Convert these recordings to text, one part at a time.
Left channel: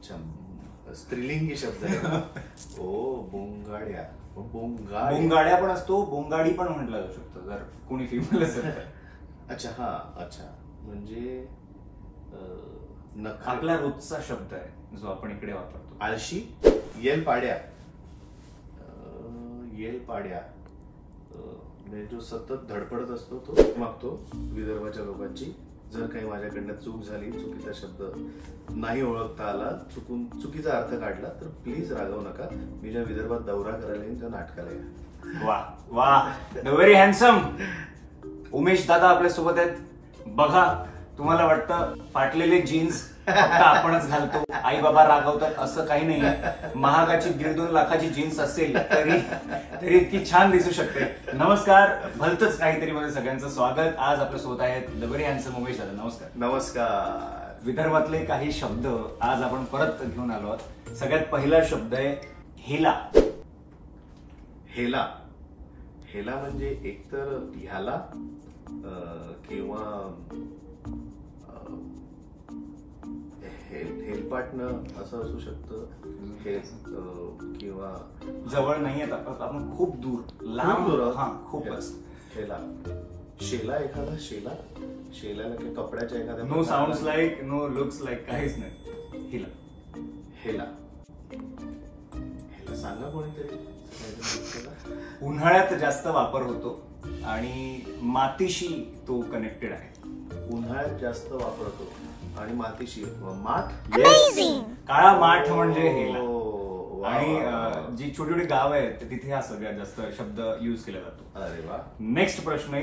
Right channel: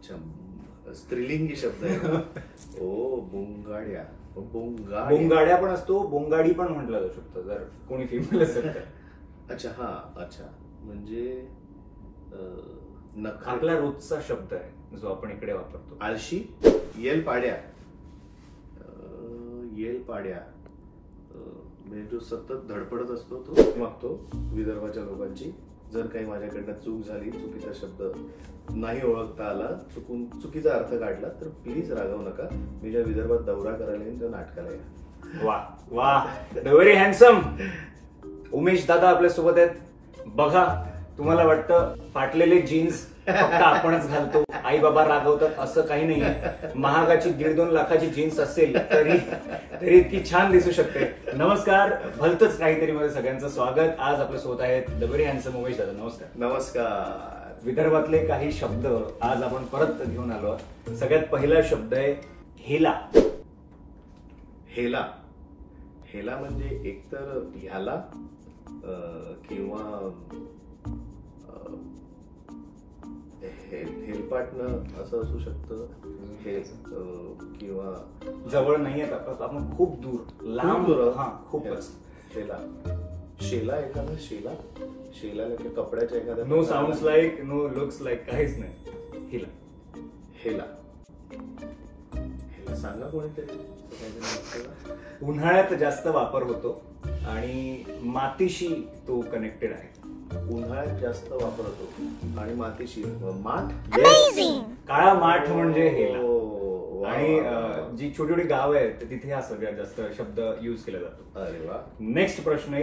अच्छा, स्त्रीलिंगी शब्द आहे. ओ बोंगाड्या. बोंगाड्या पण असतो, बोंगाडी पण म्हटलं जाऊ शकतं जर कोणी फिमेल असेल तर. अच्छा, हा, अच्छा, म्हणजे आपला रोजचा शब्द आहे जो आपण इकडे वापरतो. आळशी, येल पाड्या. येल पाड्या म्हणजे जो सतत धडपडत असतो तो मागतो विदर्भाच्या लोकांची. जर काही माझ्याकडनं चूक झाली, चुकीचा शब्द नाही ओळखता आला, चुकीचा अर्थ काढला तर प्लीज रागवू नका. मी ज्या विदर्भात दौरा करायला येईन त्या नाटकाला या. वा वा, व्हेरी हँडसम. उमेश दादा आपल्या सोबत आहेत. बघा, तुम्हाला वाटतं फाटलेले जीन्स फक्त आपणच घालतो, आई बाबा रागवतात, असं काही नाही. महागाची 1.5-2 लाखाची जीन्स असेल तरी इतकी छान दिसू शकते. नमस्कार, भलतच काहीतरी मध्ये सगळ्यांचं स्वागत. आज आपल्या सोबत आहेत द व्हेरी हँडसम उमेश दादा. नमस्कार. नमस्कार. विदर्भातले काही शब्द आज आपण परत घेऊन आलो. सगळ्यात पहिला शब्द आहे हेला. हेला. हेला म्हणजे एकतर ह्याला किंवा हेलपाटणं असं असू शकतं. किंवा जवळ नाही येत आपण, खूप दूर, लांब. हा, खूपच. हेला. शेला, एखादा शेला. शेलाला की कपड्याच्या एखाद्या. No sounds like, no looks like, काहीच नाही. हेला. हेला. हेला सांगा कोणीतरी. उन्हाळ्यात जास्त वापर होतो आणि मातीशी तो कनेक्टेड आहे. उन्हाळ्यात जास्त वापर होतो आणि मातीशी. माठ. काळा माठ म्हणजे हेला. आणि जी छोटी छोटी गाव आहेत तिथे हा सगळ्यात जास्त शब्द युज केला जातो. अरे वा. नेक्स्ट प्रश्न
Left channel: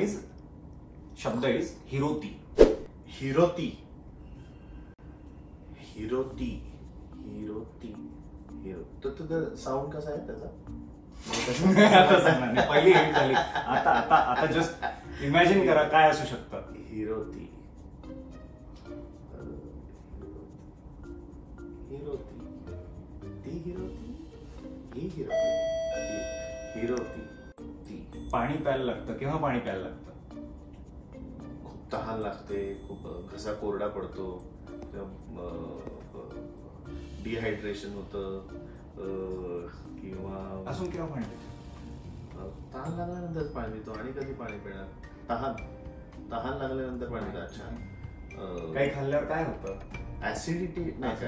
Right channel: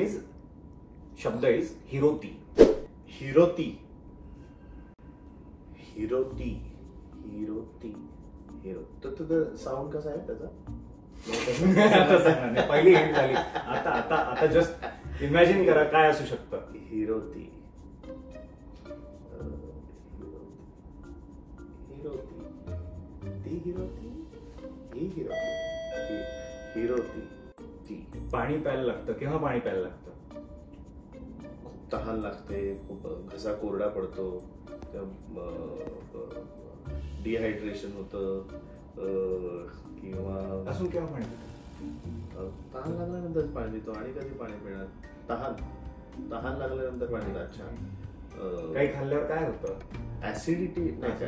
शब्द इज हिरोती. हिरोती. हिरोती. हिरोती. हिरो. साऊंड कसा आहे त्याचा? पहिली हिट झाली. आता जस्ट इमॅजिन करा काय असू शकतं. हिरोती. हिरोती. ती हिरोती. ही हिरोती. हिरोती. ती. पाणी प्यायला लागतं. केव्हा पाणी प्यायला लागतं? खूप तहान लागते, खूप घसा कोरडा पडतो, डिहायड्रेशन होतं, किंवा अजून केव्हा पाणी पितो? तहान लागल्यानंतर पाणी पितो. आणि कधी पाणी पिणार? तहान लागल्यानंतर पाणी पितो. अच्छा. काही खाल्ल्यावर काय होतं? ऍसिडिटी नाही का?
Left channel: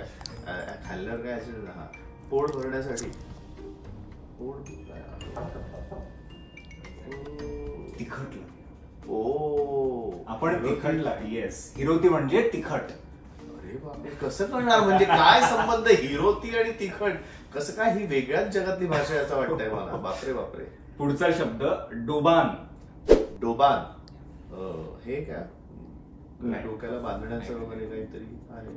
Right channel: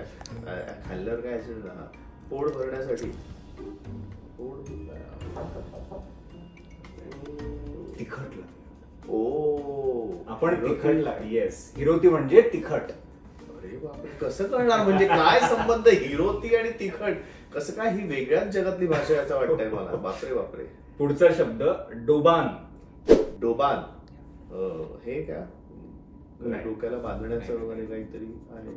खाल्ल्यावर काय ऍसिडिटी? हा, पोट भरण्यासाठी. तिखट. ओ, आपण तिखटला. येस, हिरोती म्हणजे तिखट. अरे बापरे, कसं कळणार? म्हणजे काय संबंध हिरोती आणि तिखट? कसं काय? ही वेगळ्याच जगातली भाषा आहे असं वाटतंय मला. बापरे बापरे. पुढचा शब्द डोबान. डोबान. हे का डोक्याला बांधण्याचं वगैरे काहीतरी आहे?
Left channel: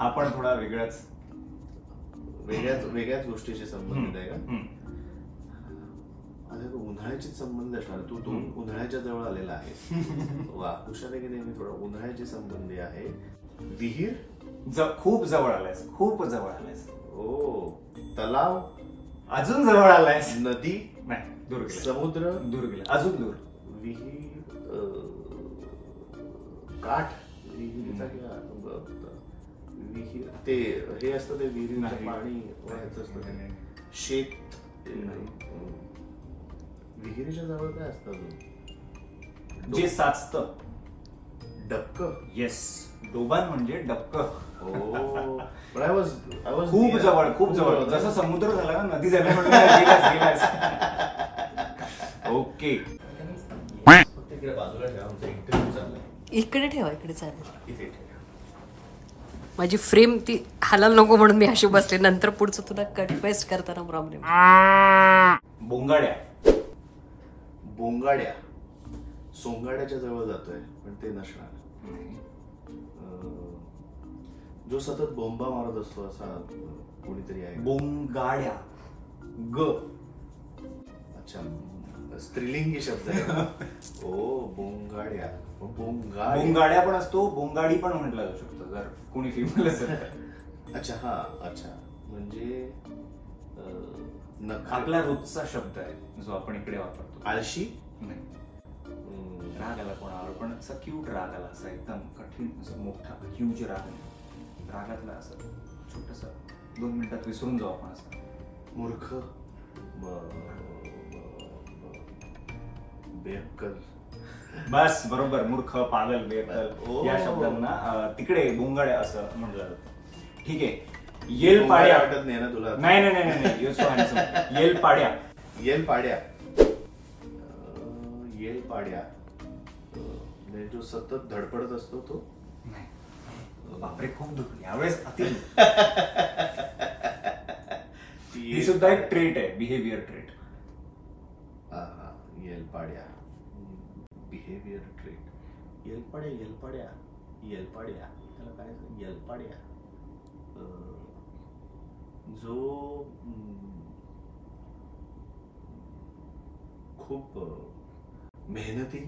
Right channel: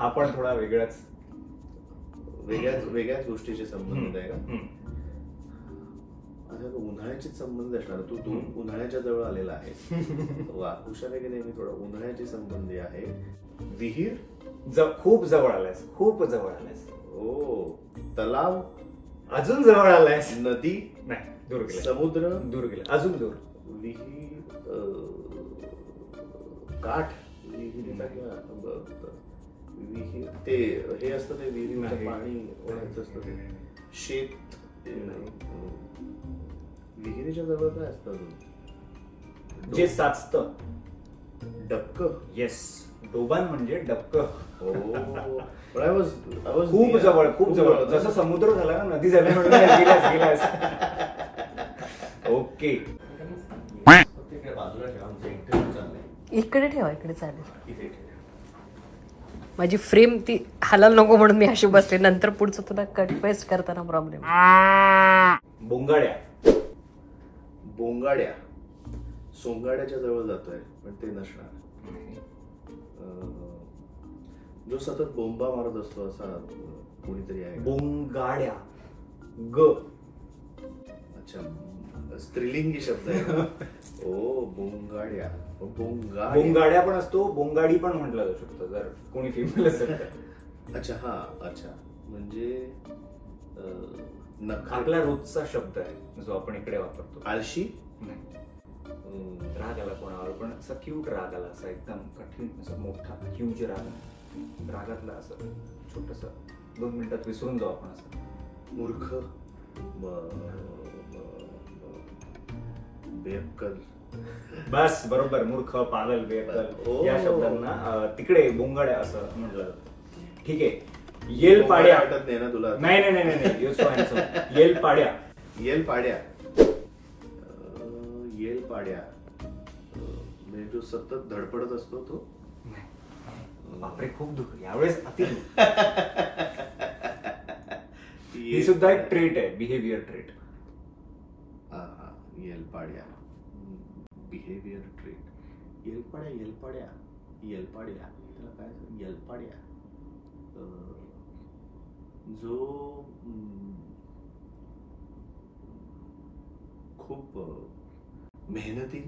हा पण थोडा वेगळ्याच गोष्टीचे संबंध आहे का? उन्हाळ्याची संबंध असणार. तू उन्हाळ्याच्या जवळ आलेला आहे. वा, हुशार आहे की नाही? मी थोडा उन्हाळ्याची संबंधी आहे. विहीर. खूप जवळ आलायस, खूप जवळ आलायस. ओ, तलाव. अजून जवळ आलायस. नदी. नाही, दूर गेला. समुद्र. दूर गेला, अजून दूर. विहीर. काठ. विहीर. ते हे असतं, ते विहिरीचं पाणी वाहायचं असतं ते. शेत. विहिरीच्या जवळ काय असतं अजून? जे साचतं. डबक. येस, डोबान म्हणजे डबक. खूप जवळ, खूप जवळ. जसं समुद्र झाला ना, नदी झाली म्हणून गेलास. ओके. इकडे ठेवा, इकडे चालेल. माझी फ्रेम ती हालायला नको म्हणून मी अशी बसले. नंतर पुढचं तुला कट पेस्ट करताना प्रॉब्लेम. बोंगाड्या. बोंगाड्या. सोंगाड्याच्या जवळ जातोय पण ते नसणार. जो सतत बोंबा मारत असतो असा कोणीतरी आहे. बोंगाड्या. ग. अच्छा, स्त्रीलिंगी शब्द आहे. ओ बोंगाड्या. बोंगाड्या पण असतो, बोंगाडी पण म्हटलं जाऊ शकतं जर कोणी फिमेल असेल. अच्छा, हा, अच्छा, म्हणजे आपला रोजचा शब्द आहे जो आपण इकडे वापरतो. आळशी. राग आला कोणावर पण असा क्यूट राग आला, असा एकदम कठीण, असा मोठा ह्यूज राग. रागातला असं छोटस 2 मिनिटात विसरून जाऊ आपण असं. मूर्ख, बेअक्कल. बस बरोबर, मूर्ख, पागल, बेअक्कल ओ. या शब्दांना तिकडे बोंगाड असं म्हटलं जातं. ठीक आहे, येल पाड्या. वाटत नाही ना तुला? नाही नाही नाही नाही, यू सो हँडसम. येल पाड्या. येल पाड्या. येल पाड्या म्हणजे जो सतत धडपडत असतो तो. बापरे, खूप दुःख यावेळेस. ही सुद्धा एक ट्रेट आहे, बिहेवियर ट्रेट. येल पाड्या, बिहेवियर ट्रेट. येलपाड्या, येलपाड्या, येलपाड्या, त्याला काय येलपाड्या, जो खूप मेहनती.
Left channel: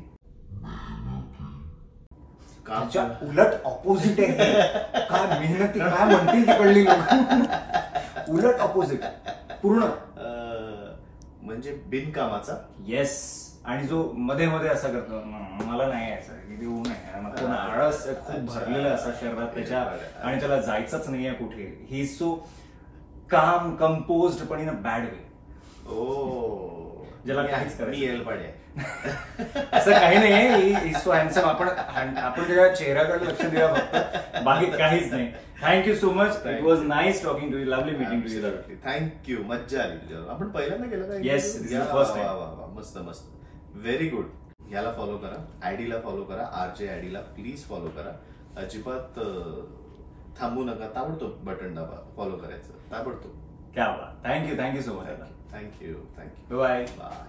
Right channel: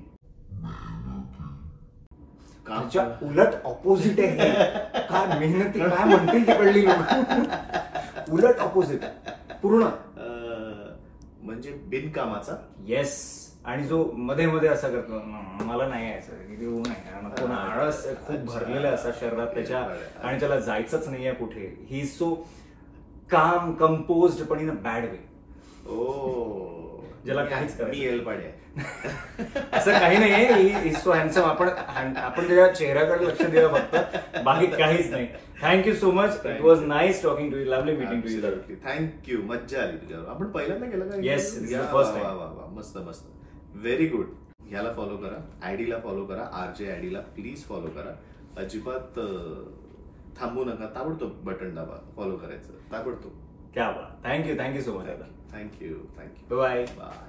त्याच्या उलट ऑपोजिट आहे. काय मेहनती, काय म्हणतील तिकडली लोक. उलट ऑपोजिट पूर्ण. म्हणजे बिनकामाचा. येस. आणि जो मध्ये मध्ये असा करतो, मला नाही यायचं, नको नाही, आळस खूप भरलेला असा शरीरात त्याच्या, आणि त्याला जायचंच नाहीये कुठे. ही सो काम, कंपोज्ड, पण इन अ बॅड वे. ज्याला काहीच करायचं. मी येलपाड्या. असं काही नाहीये. So handsome. आपण त्याच्या चेहऱ्याकडे लक्ष द्या फक्त, बाकी काहीच नाही. Thank you so much. It was nice talking to you. Lovely meeting to you. Thank you. मज्जा आली तुझ्यावर. आपण पहिल्यांदा केलं का? Yes, first time. मस्त मस्त, व्हेरी गुड. याला फॉलो करा, आयडीला फॉलो करा, RJ आयडीला प्लीज फॉलो करा. अजिबात थांबू नका, ताबडतोब बटन दाबा फॉलो करायचं, ताबडतोब. क्या बात. Thank you so much. Thank you. Bye. Bye.